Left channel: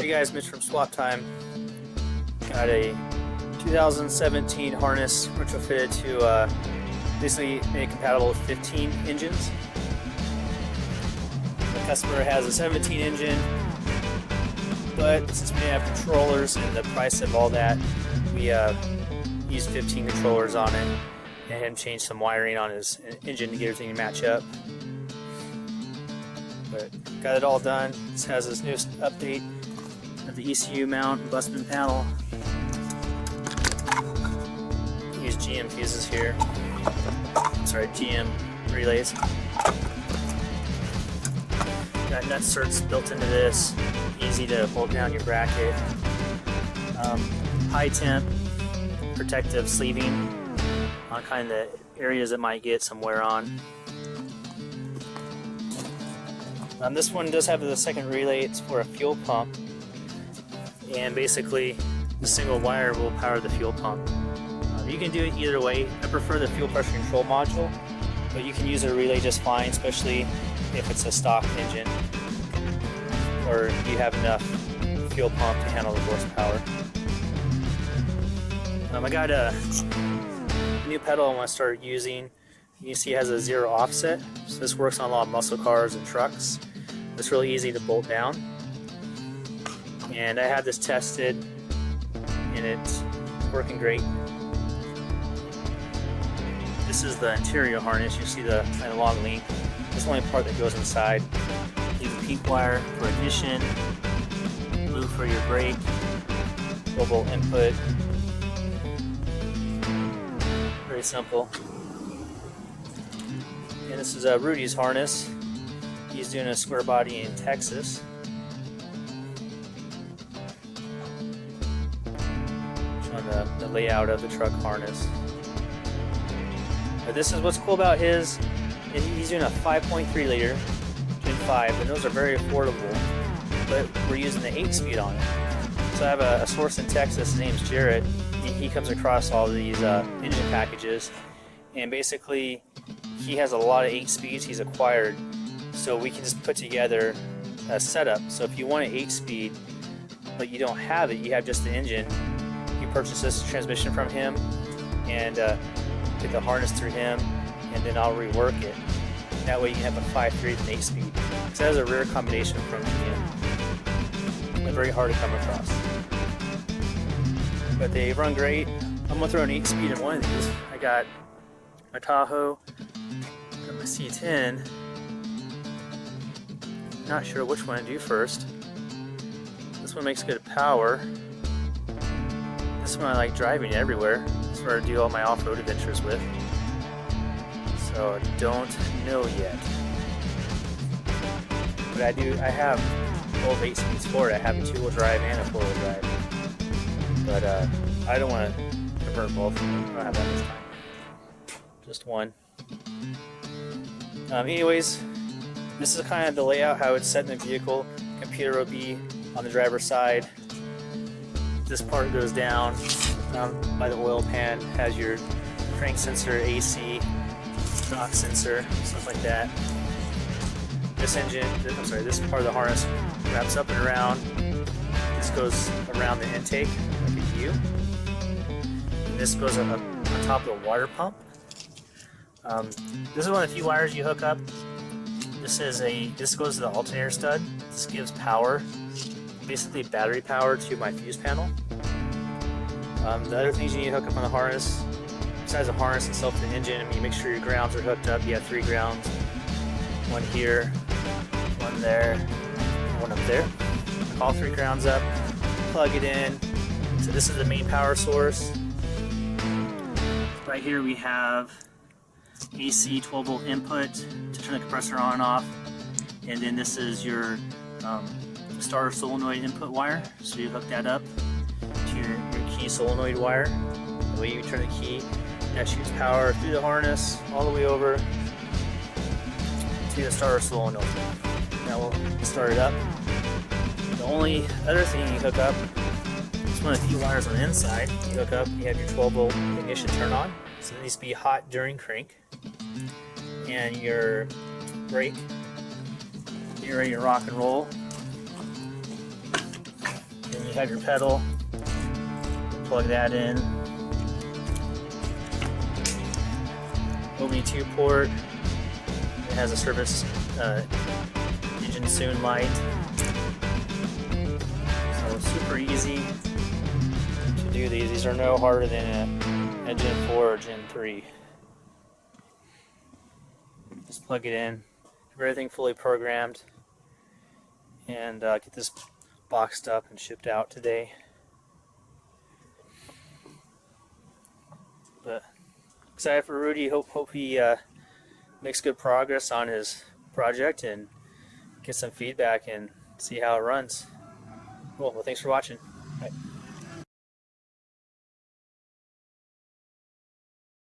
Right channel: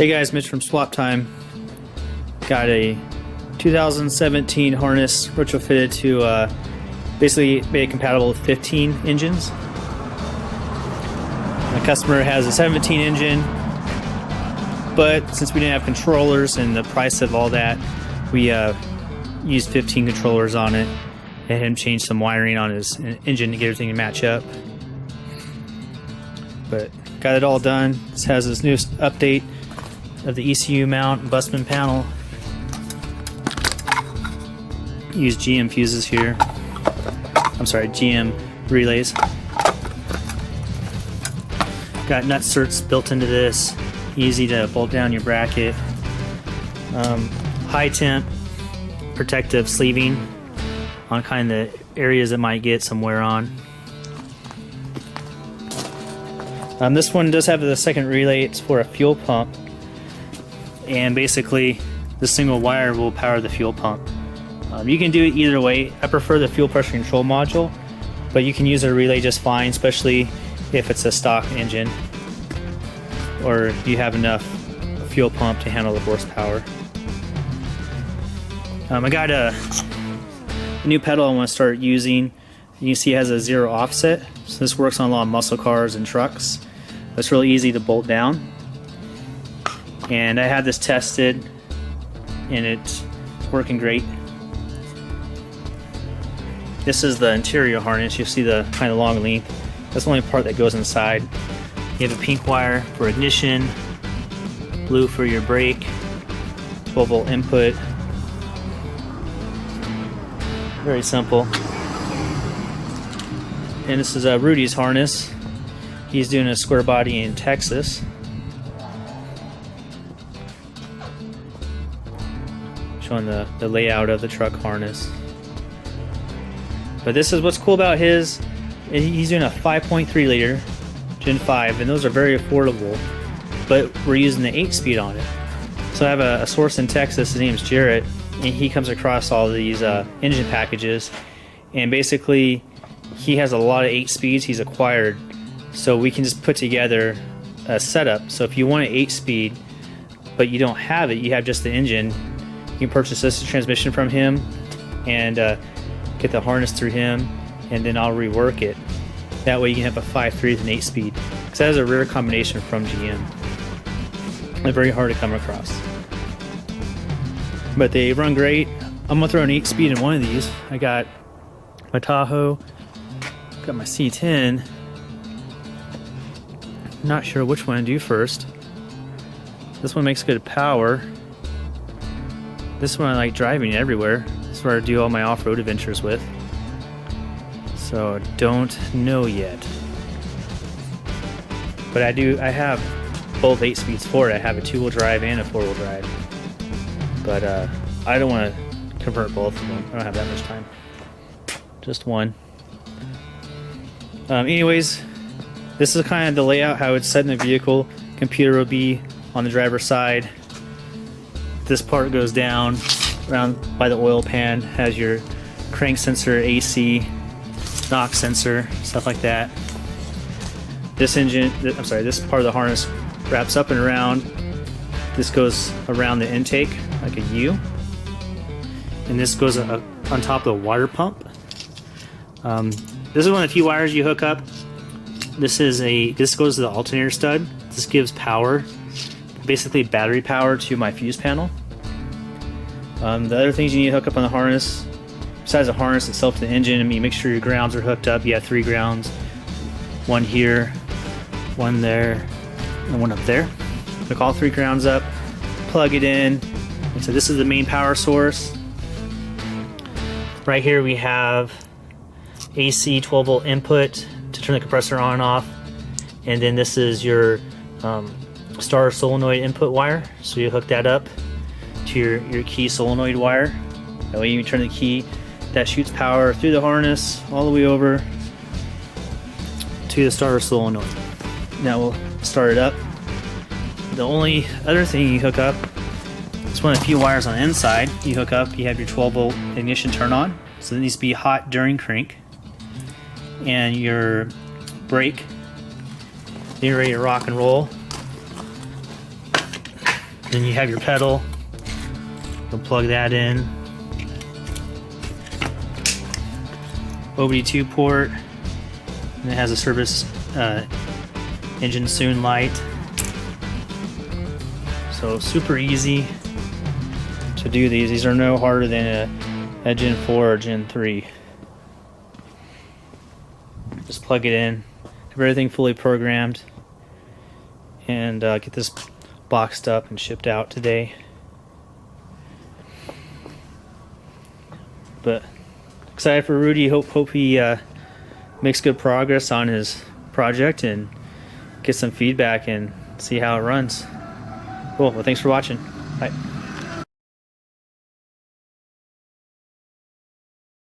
Hey guys, Mitch from Swap Time. Got a 2017 harness retrofitted to basically be compatible with 15 engines. The customer has a 17 engine, but since we didn't have controllers and the price of all that, we used 15 controllers on it. Let him change some wiring on his engine to get everything to match up. But got it all done. This has this new update of the ECU mount, busman panel. Use GM fuses here. I'm sorry, GM relays. Got nutserts built into this. Easy to bolt down your bracket. High temp protective sleeving on kind of areas that might get some wear on. This one does have the second relay. It's for a fuel pump, and basically the single wire will power the fuel pump. You can do it either way. I prefer the fuel pressure control module, but you can use a relay just fine, especially if it's a stock engine or if you have enough fuel pump to handle the horsepower. I got a new pedal I want to start using. You see it has a 0 offset, so this works on a lot of muscle cars and trucks. It's really easy to bolt down. And I had this tested and it's working great. This is the interior harness. You see the kind of long length. That's the only part that goes inside. You have a pink wire for ignition, blue for your brake, 12-volt input. Very simple. And this is Rudy's harness. He's doing a square body in Texas. Showing the layout of the truck harness. But this is what's cool about his. He's doing a 5.3 liter Gen 5, and those are very affordable. But we're using the 8-speed on it. So I have a source in Texas. His name's Jarrett, and he comes across all these engine packages, and basically he has a lot of 8 speeds he's acquired. So we can just put together a setup. So if you want an 8-speed, but you don't have it, you have just the engine, you can purchase this transmission from him and get the harness through him, and then I'll rework it. That way you can have a 5.3 with an 8-speed. So that is a rare combination from GM. They're very hard to come across. But they run great. I'm gonna throw an 8-speed in one of these. I got my Tahoe, got my C10. I'm not sure which one to do first. This one makes good power. This one I like driving everywhere. That's where I do all my off-road adventures with. So don't know yet. But I have both 8 speeds for it. I have a 2-wheel drive and a 4-wheel drive. But I don't want to convert both of them. I don't have that much time. Just one. Anyways, this is kind of the layout, how it's set in the vehicle. Computer will be on the driver's side. This part goes down around by the oil pan, has your crank sensor, AC, knock sensor, stuff like that. This this part of the harness wraps up and around. This goes around the intake like a U. And this goes on top of the water pump. This is one of the few wires you hook up. This goes to the alternator stud. This gives power, basically battery power, to my fuse panel. The other things you need to hook up on the harness, besides the harness itself, the engine, make sure your grounds are hooked up. You have 3 grounds. One here, one there, and one up there. Hook all 3 grounds up, plug it in. So this is the main power source. Right here we have AC 12-volt input to turn the compressor on and off. And then this is your star solenoid input wire. So you hook that up to your key solenoid wire. That way you turn the key. That shoots power through the harness all the way over to the starter solenoid. Now we'll start it up. The only other thing you hook up is one of the few wires on the inside. You hook up, you have your 12-volt ignition turn on. So it needs to be hot during crank. And your brake, you're ready to rock and roll. Then you have your pedal. We'll plug that in. OBD2 port. And it has a service engine soon light. So super easy to do these. These are no harder than a Gen 4 or Gen 3. Just plug it in, have everything fully programmed, and get this boxed up and shipped out today. But excited for Rudy. Hope he makes good progress on his project and get some feedback and see how it runs. Cool. Well, thanks for watching. Bye.